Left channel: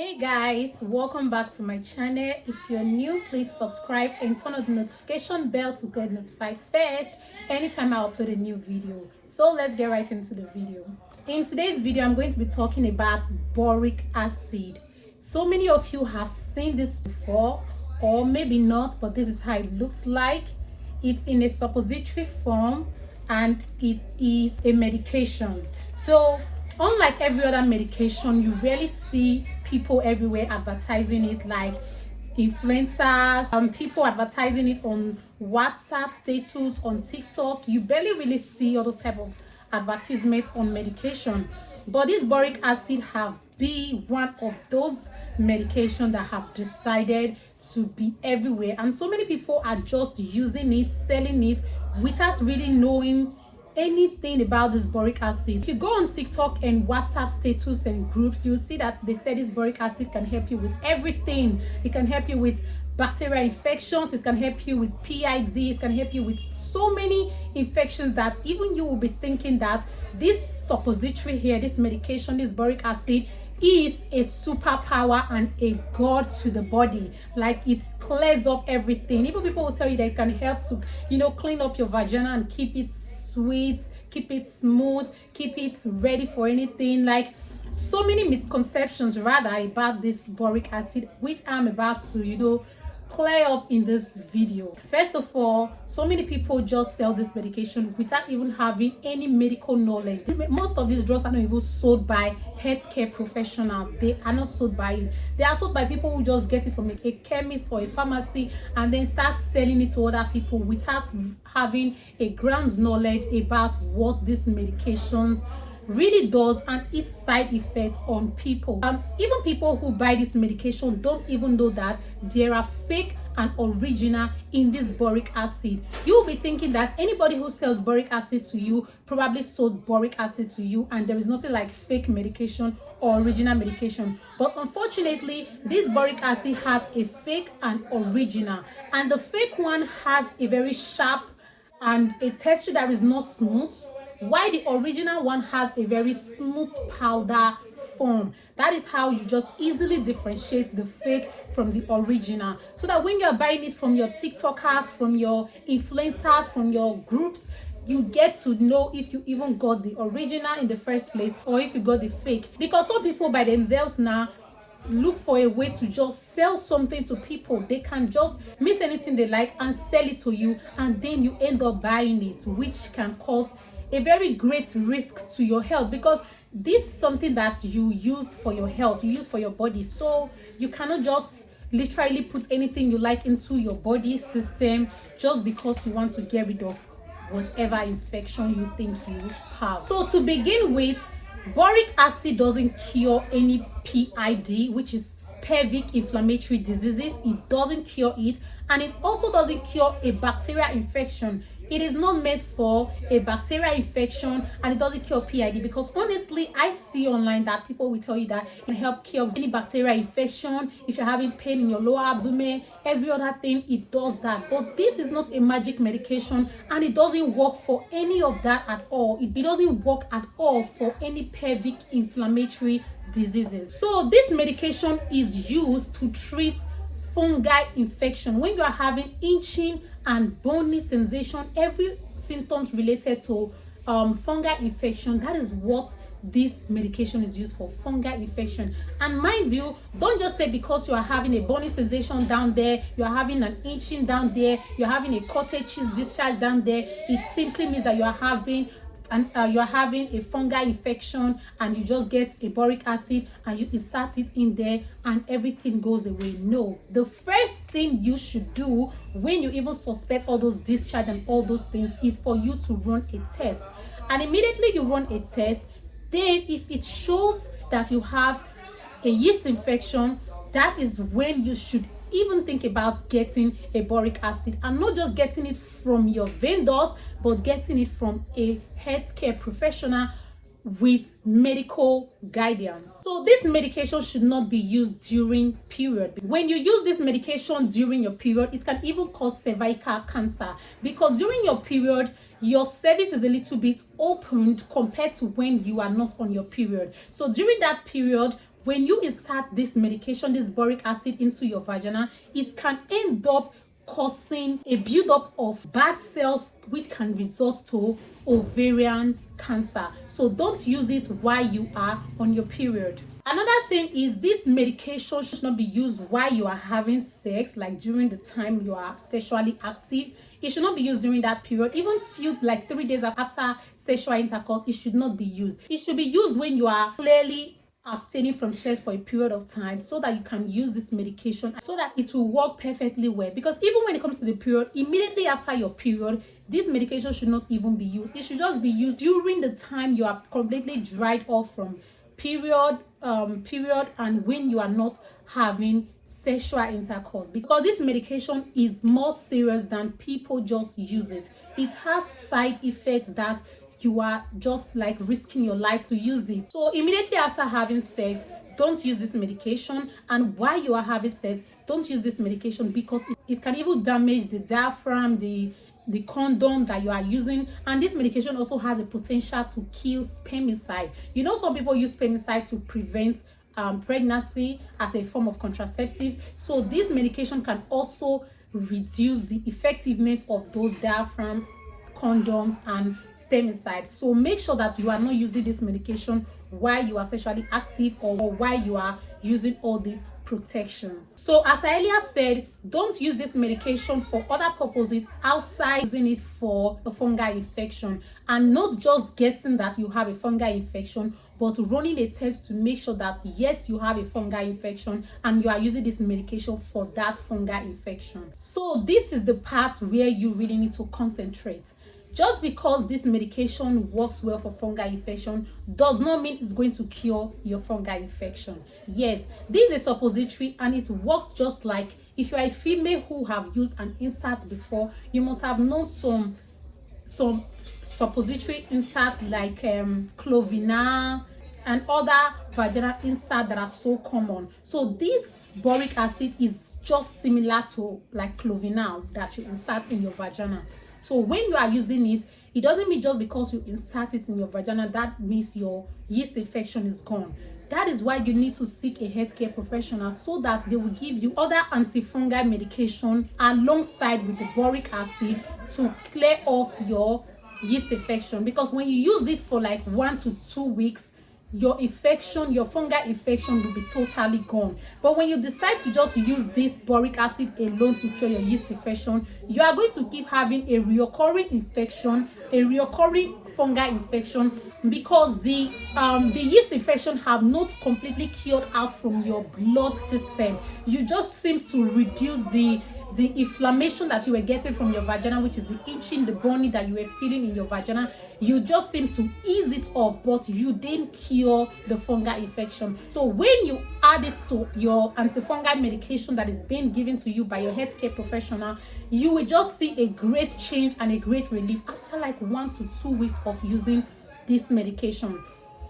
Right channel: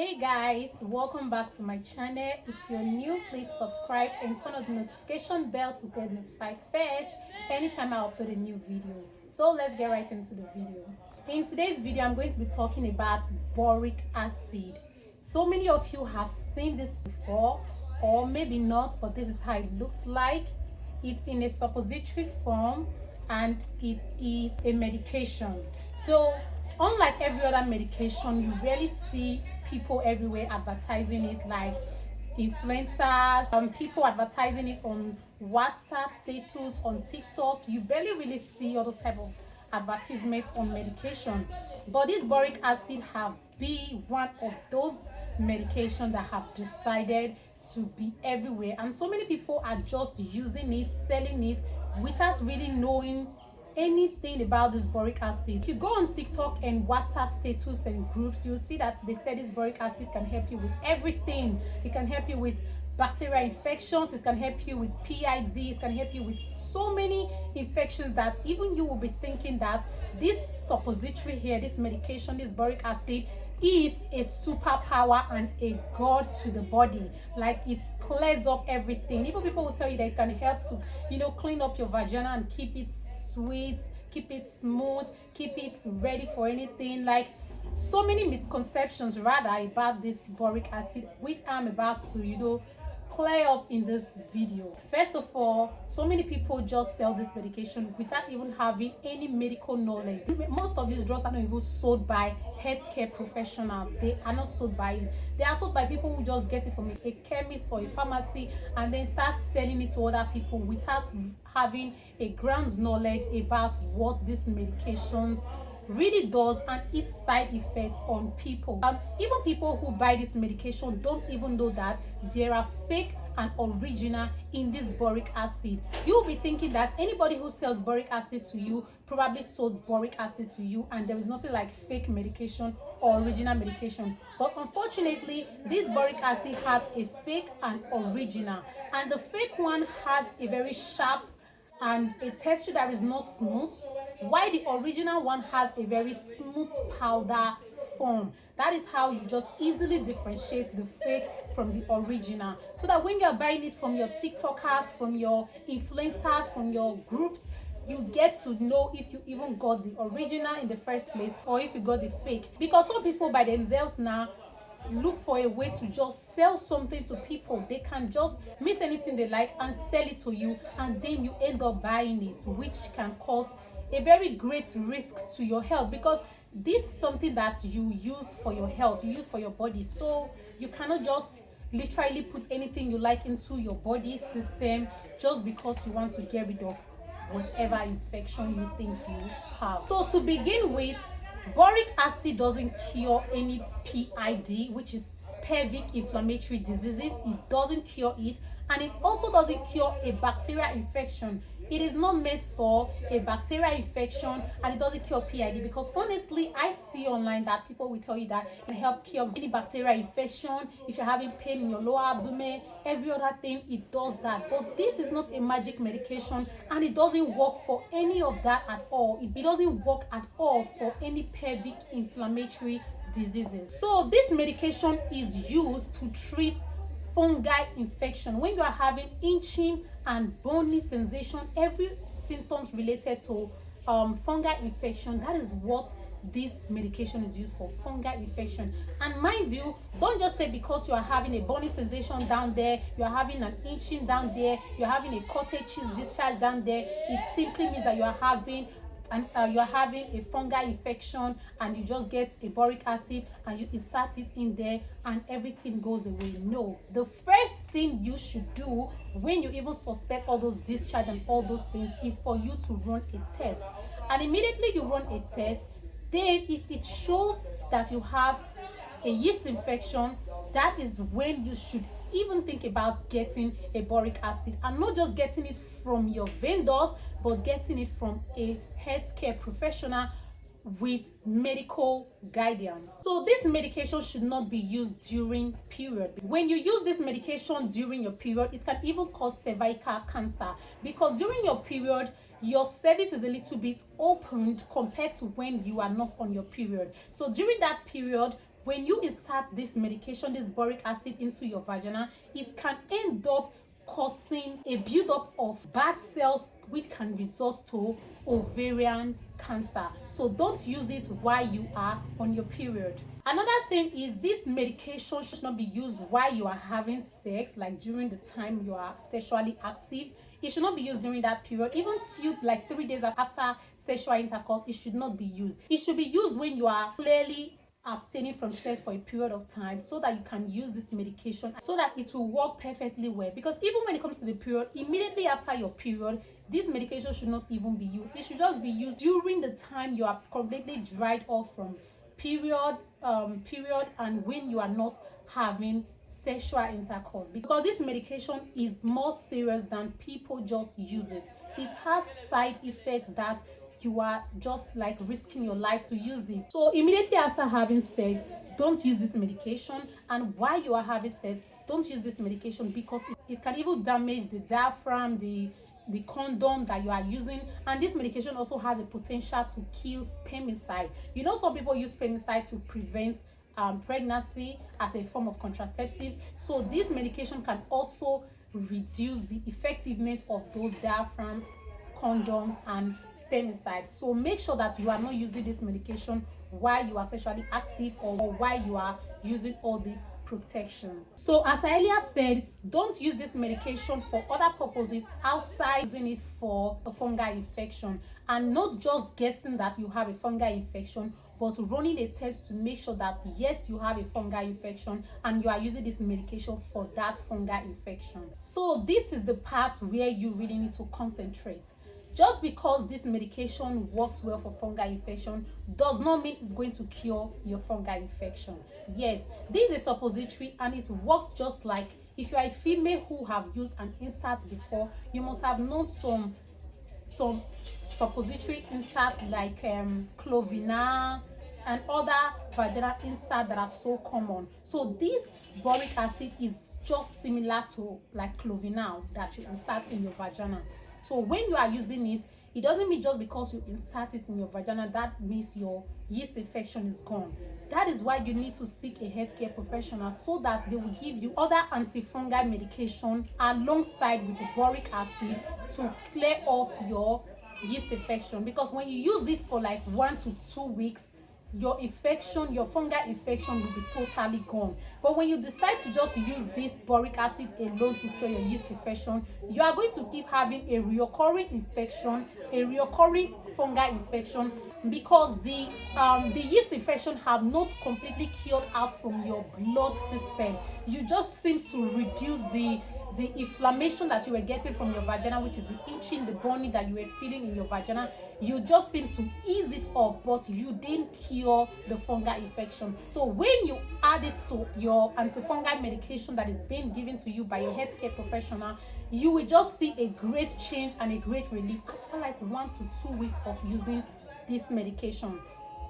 Hey guys, welcome back to my channel. If you're new, please subscribe and turn on the notification bell to get notified first anytime I upload a new video. So let's get right into the video. In today's video, I'm going to be talking about boric acid. So many of you have seen this before, or maybe not, but this is how it looks like. It's in a suppository form and it is a medication. So unlike every other medication, you rarely see people everywhere advertising it, like influencers, people advertising it on WhatsApp status, on TikTok. You barely really see all those type of advertisements on medication. But this boric acid have been one of those medications that have decided to be everywhere, and so many people are just using it, selling it without really knowing anything about this boric acid. If you go on TikTok and WhatsApp status and groups, you'll see that they say this boric acid can help you with everything. It can help you with bacterial infections, it can help you with PID, it can help you with so many infections that even you will be thinking that this suppository here, this medication, this boric acid, is a superpower and a god to the body. Like, it clears up everything. Even people will tell you that it can help to, clean up your vagina and keep it sweet, keep it smooth, keep it ready for anything. Like, so many misconceptions rather about this boric acid, which I'm about to clear up in this video. First of all, so many people just sell this medication without even having any medical knowledge. Most of these drugs are not even sold by healthcare professionals. They are not sold by it. They are sold by people who just get it from a chemist or a pharmacy and then start selling it to other people without having a ground knowledge about what these medications really does and its side effects on people. Even people who buy this medication don't even know that there are fake and original in this boric acid. You'll be thinking that anybody who sells boric acid to you probably sold boric acid to you, and there is nothing like fake medication or original medication. But unfortunately, this boric acid has a fake and original, and the fake one has a very sharp and a texture that is not smooth, while the original one has a very smooth powder form. That is how you just easily differentiate the fake from the original, so that when you're buying it from your TikTokers, from your influencers, from your groups, you get to know if you even got the original in the first place or if you got the fake. Because some people by themselves now look for a way to just sell something to people. They can just mix anything they like and sell it to you, and then you end up buying it, which can cause a very great risk to your health, because this is something that you use for your health, you use for your body. So you cannot just literally put anything you like into your body system just because you want to get rid of whatever infection you think you have. So to begin with, boric acid doesn't cure any PID, which is pelvic inflammatory diseases. It doesn't cure it, and it also doesn't cure a bacterial infection. It is not made for a bacterial infection, and it doesn't cure PID, because honestly, I see online that people will tell you that it can help cure any bacterial infection. If you're having pain in your lower abdomen, every other thing, it does that. But this is not a magic medication, and it doesn't work for any of that at all. It doesn't work at all for any pelvic inflammatory diseases. So this medication is used to treat fungal infection. When you are having itching and bony sensation, every symptoms related to fungal infection, that is what this medication is used for, fungal infection. And mind you, don't just say because you are having a bony sensation down there, you are having an itching down there, you're having a cottage cheese discharge down there, it simply means that you are having a fungal infection, and you just get a boric acid and you insert it in there and everything goes away. No, the first thing you should do when you even suspect all those discharge and all those things is for you to run a test. And immediately you run a test, then if it shows that you have a yeast infection, that is when you should even think about getting a boric acid, and not just getting it from your vendors, but getting it from a healthcare professional with medical guidance. So this medication should not be used during period. When you use this medication during your period, it can even cause cervical cancer, because during your period your cervix is a little bit opened compared to when you are not on your period. So during that period, when you insert this medication, this boric acid, into your vagina, it can end up causing a buildup of bad cells, which can result to ovarian cancer. So don't use it while you are on your period. Another thing is, this medication should not be used while you are having sex, like during the time you are sexually active. It should not be used during that period. Even few, like 3 days after sexual intercourse, it should not be used. It should be used when you are clearly abstaining from sex for a period of time, so that you can use this medication, so that it will work perfectly well. Because even when it comes to the period, immediately after your period, this medication should not even be used. It should just be used during the time you are completely dried off from period and when you are not having sexual intercourse, because this medication is more serious than people just use it. It has side effects that you are just like risking your life to use it. So immediately after having sex, don't use this medication, and while you are having sex, don't use this medication, because it can even damage the diaphragm, the condom that you are using. And this medication also has a potential to kill spermicide. You know, some people use spermicide to prevent pregnancy as a form of contraceptives. So this medication can also reduce the effectiveness of those diaphragm, condoms, and spermicide. So make sure that you are not using this medication while you are sexually active, or while you are using all these protections. So as I earlier said, don't use this medication for other purposes outside using it for a fungal infection, and not just guessing that you have a fungal infection, but running a test to make sure that yes, you have a fungal infection and you are using this medication for that fungal infection. So this is the part where you really need to concentrate. Just because this medication works well for fungal infection does not mean it's going to cure your fungal infection. Yes, this is a suppository, and it works just like if you are a female who have used an insert before. You must have known some suppository insert like Clovina and other vaginal insert that are so common. So this boric acid is just similar to like Clovina that you insert in your vagina. So when you are using it, it doesn't mean just because you insert it in your vagina that means your yeast infection is gone. That is why you need to seek a healthcare professional, so that they will give you other antifungal medication alongside with the boric acid to clear off your yeast infection. Because when you use it for like 1 to 2 weeks, your fungal infection will be totally gone. But when you decide to just use this boric acid alone to cure your yeast infection, you are going to keep having a reoccurring infection, a reoccurring fungal infection, because the yeast infection have not completely cured out from your blood system. You just seem to reduce the inflammation that you were getting from your vagina, which is the itching, the burning that you were feeling in your vagina. You just seem to ease it up, but you didn't cure the fungal infection. So when you add it to your antifungal medication that is being given to you by your healthcare professional, you will just see a great change and a great relief after like 1 to 2 weeks of using this medication.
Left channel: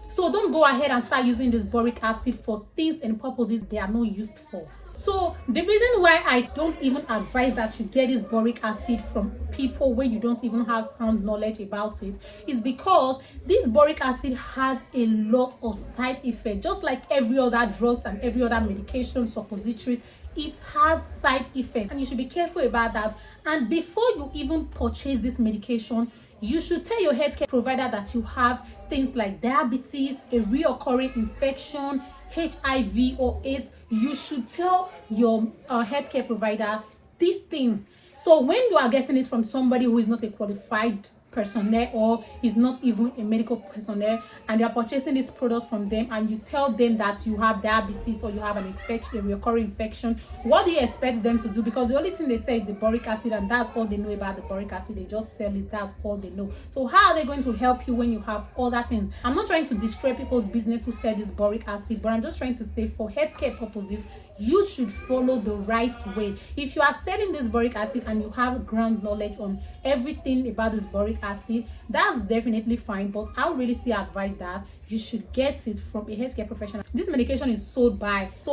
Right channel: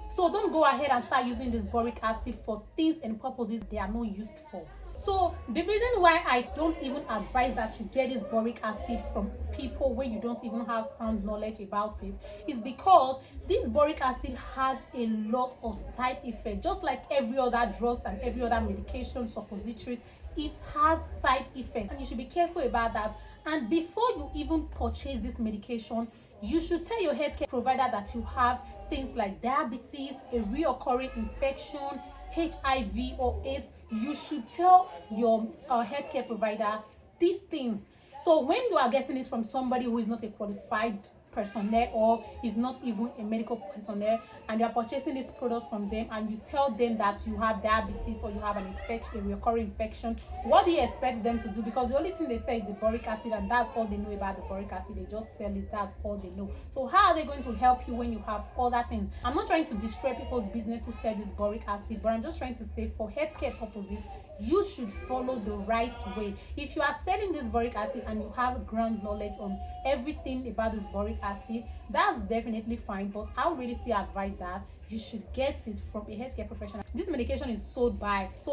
So don't go ahead and start using this boric acid for things and purposes they are not used for. So the reason why I don't even advise that you get this boric acid from people when you don't even have sound knowledge about it is because this boric acid has a lot of side effects. Just like every other drugs and every other medication, suppositories, it has side effects, and you should be careful about that. And before you even purchase this medication, you should tell your healthcare provider that you have things like diabetes, a reoccurring infection, HIV or AIDS. You should tell your healthcare provider these things. So when you are getting it from somebody who is not a qualified personnel or is not even a medical personnel, and you are purchasing these products from them, and you tell them that you have diabetes or you have an infection, a recurring infection, what do you expect them to do? Because the only thing they say is the boric acid, and that's all they know about the boric acid. They just sell it, that's all they know. So how are they going to help you when you have other things? I'm not trying to destroy people's business who sell this boric acid, but I'm just trying to say for healthcare purposes, you should follow the right way. If you are selling this boric acid and you have ground knowledge on everything about this boric acid, that's definitely fine, but I would really still advise that you should get it from a healthcare professional. This medication is sold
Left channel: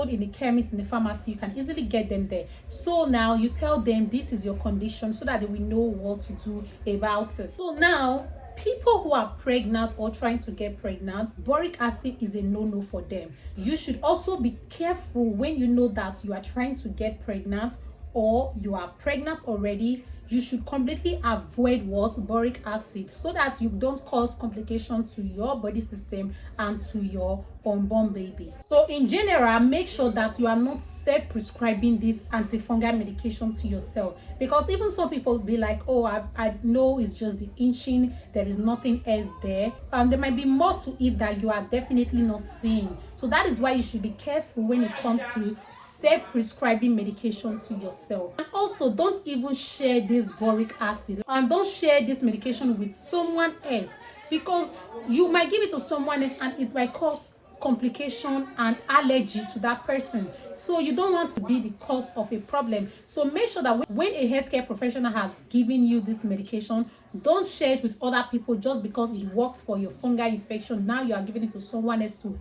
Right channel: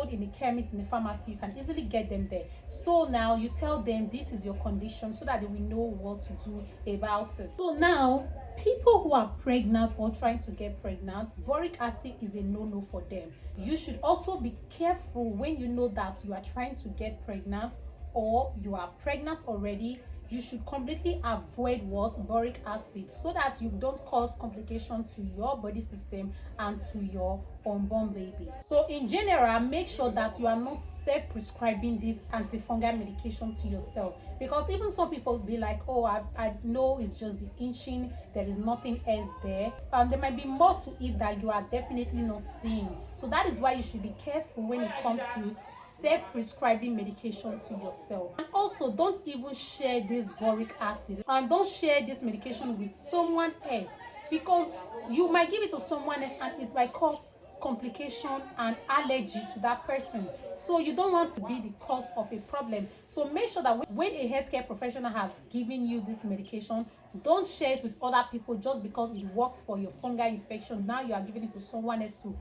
in the chemist, in the pharmacy. You can easily get them there. So now you tell them this is your condition so that they will know what to do about it. So now people who are pregnant or trying to get pregnant, boric acid is a no-no for them. You should also be careful when you know that you are trying to get pregnant or you are pregnant already. You should completely avoid boric acid so that you don't cause complications to your body system and to your unborn baby. So in general, make sure that you are not self-prescribing this antifungal medication to yourself, because even some people be like, oh, I know it's just the inching, there is nothing else there, and there might be more to it that you are definitely not seeing. So that is why you should be careful when it comes to self-prescribing medication to yourself. And also, don't even share this boric acid, and don't share this medication with someone else, because you might give it to someone else and it might cause complication and allergy to that person. So you don't want to be the cause of a problem. So make sure that when a healthcare professional has given you this medication, don't share it with other people just because it works for your fungal infection. Now you are giving it to someone else to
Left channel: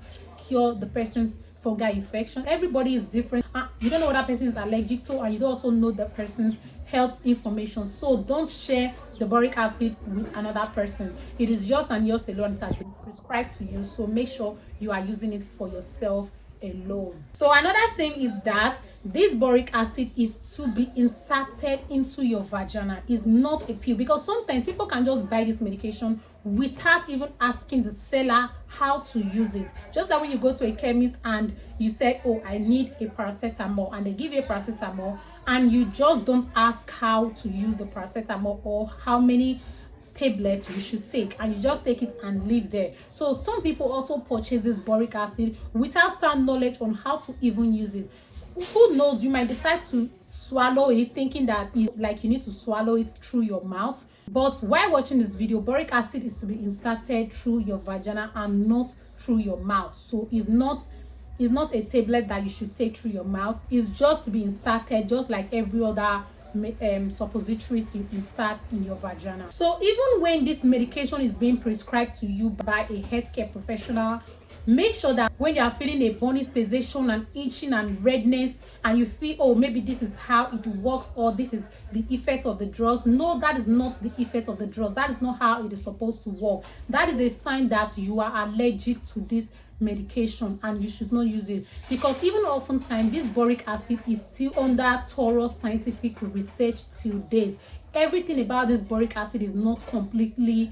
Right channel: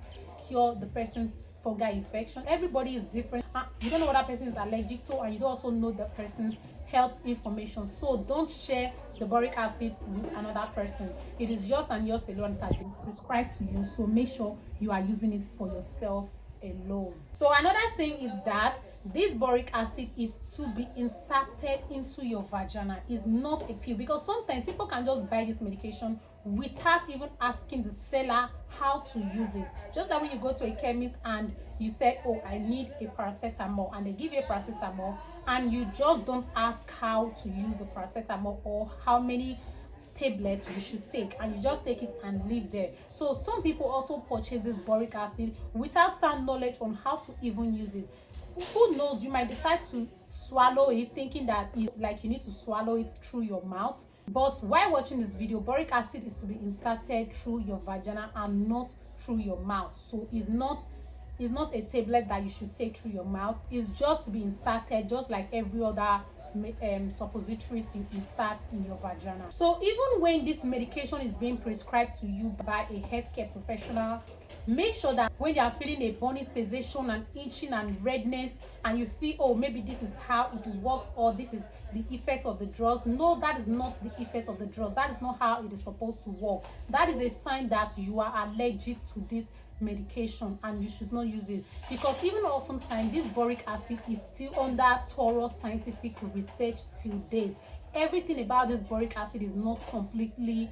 cure the person's fungal infection. Everybody is different. You don't know what that person is allergic to, and you don't also know the person's health information. So don't share the boric acid with another person. It is yours and yours alone. It has been prescribed to you, so make sure you are using it for yourself alone. So another thing is that this boric acid is to be inserted into your vagina. It's not a pill, because sometimes people can just buy this medication without even asking the seller how to use it. Just like when you go to a chemist and you say, oh, I need a paracetamol, and they give you a paracetamol, and you just don't ask how to use the paracetamol or how many tablets you should take, and you just take it and leave there. So some people also purchase this boric acid without sound knowledge on how to even use it. Who knows, you might decide to swallow it thinking that it's like you need to swallow it through your mouth. But while watching this video, boric acid is to be inserted through your vagina and not through your mouth. So it's not a tablet that you should take through your mouth. It's just to be inserted, just like every other suppositories you insert in your vagina. So even when this medication is being prescribed to you by a healthcare professional, make sure that when you are feeling a burning sensation and itching and redness, and you feel, oh, maybe this is how it works, or this is the effect of the drugs. No, that is not the effect of the drugs. That is not how it is supposed to work. That is a sign that you are allergic to this medication and you should not use it, because even oftentimes this boric acid is still under thorough scientific research till date. Everything about this boric acid is not completely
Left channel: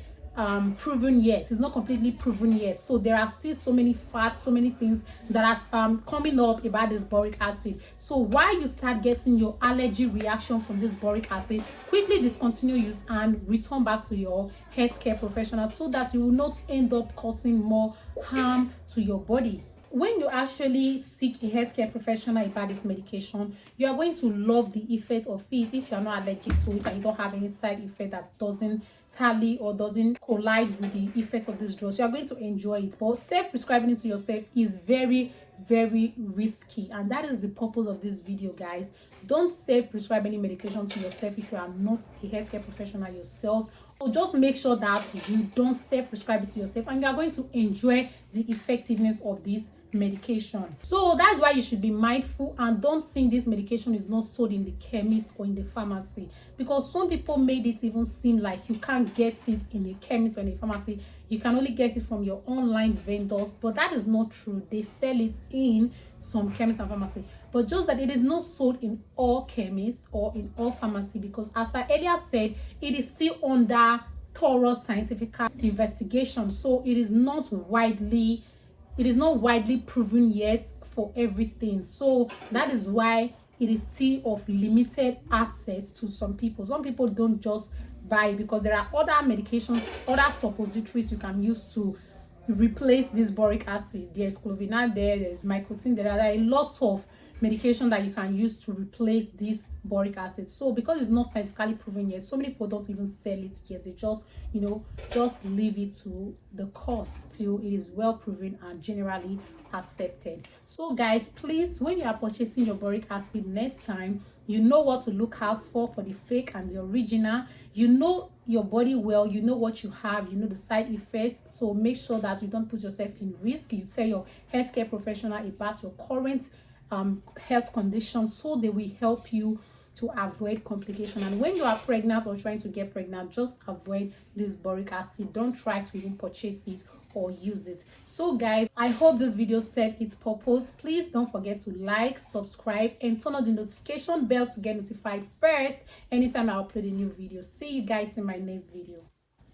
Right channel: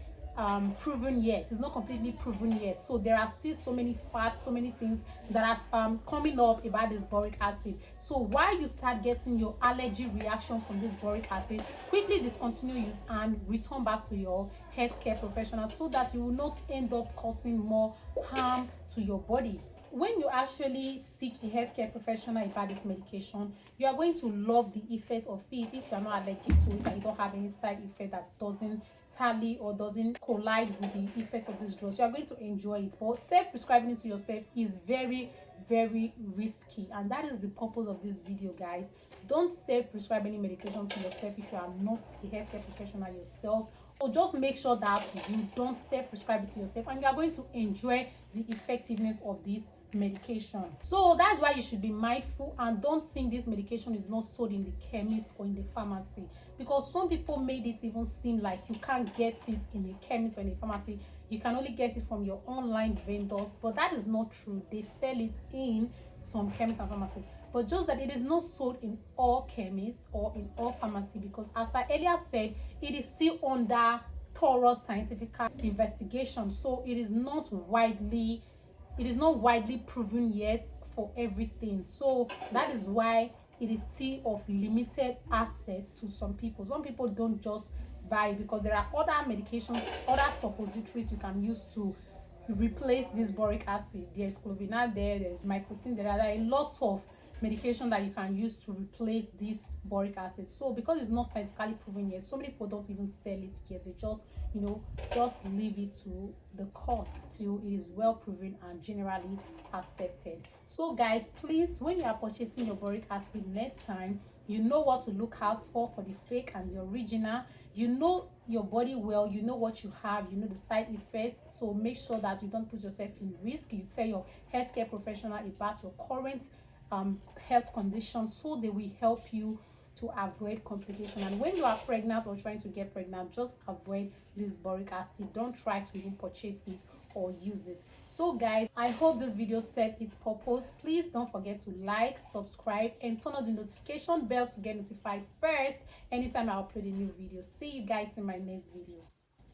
proven yet. It's not completely proven yet. So there are still so many facts, so many things that are coming up about this boric acid. So while you start getting your allergy reaction from this boric acid, quickly discontinue use and return back to your healthcare professional so that you will not end up causing more harm to your body. When you actually seek a healthcare professional about this medication, you are going to love the effect of it. If you are not allergic to it and you don't have any side effect that doesn't tally or doesn't collide with the effect of this drug, you are going to enjoy it. But self-prescribing it to yourself is very, very risky, and that is the purpose of this video, guys. Don't self-prescribe any medication to yourself if you are not a healthcare professional yourself. So just make sure that you don't self-prescribe it to yourself, and you are going to enjoy the effectiveness of this medication. So that's why you should be mindful and don't think this medication is not sold in the chemist or in the pharmacy, because some people made it even seem like you can't get it in a chemist or in a pharmacy. You can only get it from your online vendors, but that is not true. They sell it in some chemists and pharmacy, but just that it is not sold in all chemists or in all pharmacy, because as I earlier said, it is still under thorough scientific investigation. So it is not widely proven yet for everything. So that is why it is still of limited access to some people. Some people don't just buy it, because there are other medications, other suppositories you can use to replace this boric acid. There's clovinal, there's mycotin, there are a lot of medication that you can use to replace this boric acid. So because it's not scientifically proven yet, so many people don't even sell it yet. They just just leave it to the cost till it is well proven and generally accepted. So guys, please, when you are purchasing your boric acid next time, you know what to look out for the fake and the original. You know your body well, you know what you have, you know the side effects. So make sure that you don't put yourself in risk. You tell your healthcare professional about your current health conditions, so they will help you to avoid complication. And when you are pregnant or trying to get pregnant, just avoid this boric acid. Don't try to even purchase it or use it. So guys, I hope this video served its purpose. Please don't forget to like, subscribe, and turn on the notification bell to get notified first anytime I upload a new video. See you guys in my next video.